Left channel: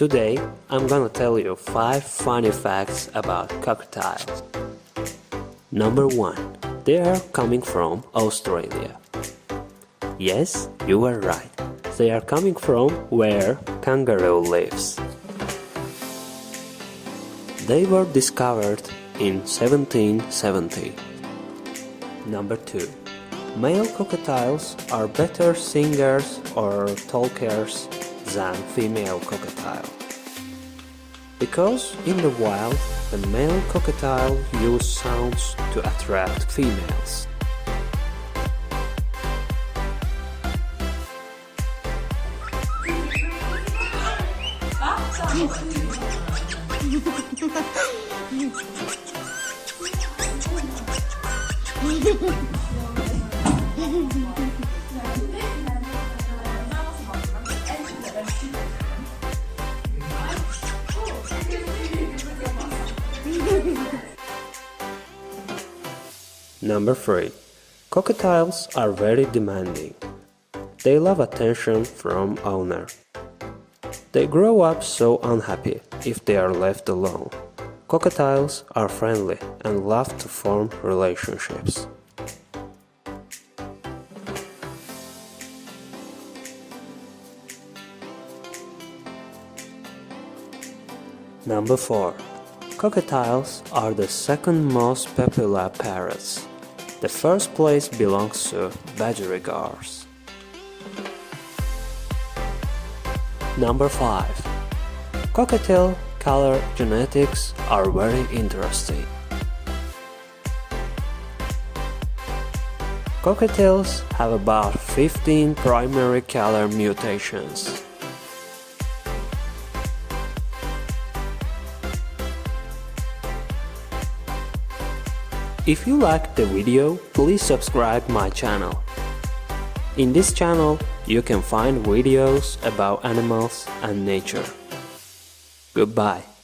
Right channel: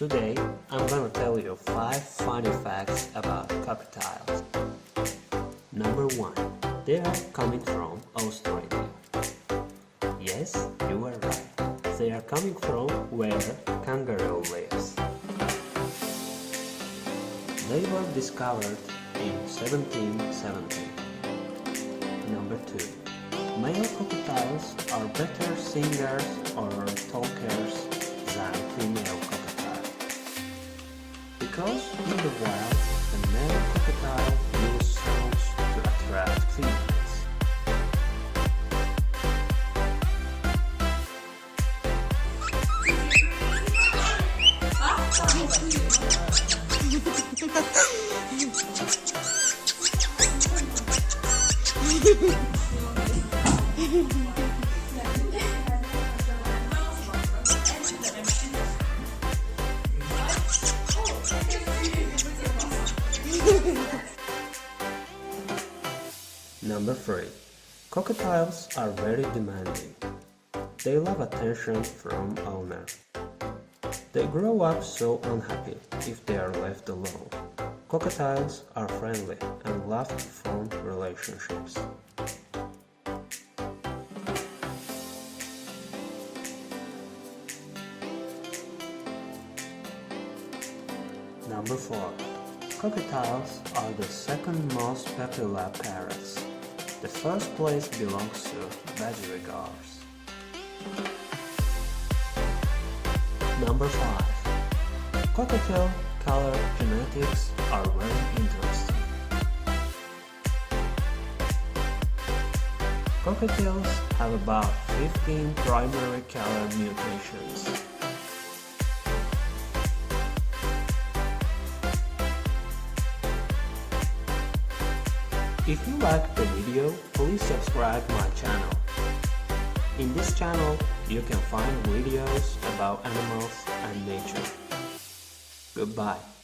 Today, I'm gonna tell you 5 funny facts about cockatiels. Number 1. They are coming from Australia. Yes, you are right. They are coming from where kangaroo lives. They were discovered in 1770. Number 2. Male cockatiels are better singers or talkers than female cockatiels. Because in the wild, the male cockatiel use sounds to attract females. Number 3. Cockatiels are very demanding. They love attention from owner. They grow up so unhappy if they are left alone. Cockatiels are friendly and love to form relationships. Number 4. Cockatiels are the second most popular parrots. The first place belongs to budgerigars. Number 5. Cockatiel color genetics are very interesting. Cockatiels have about 15 primary color mutations. If you liked the video, please subscribe my channel. In this channel, you can find videos about animals and nature. Goodbye.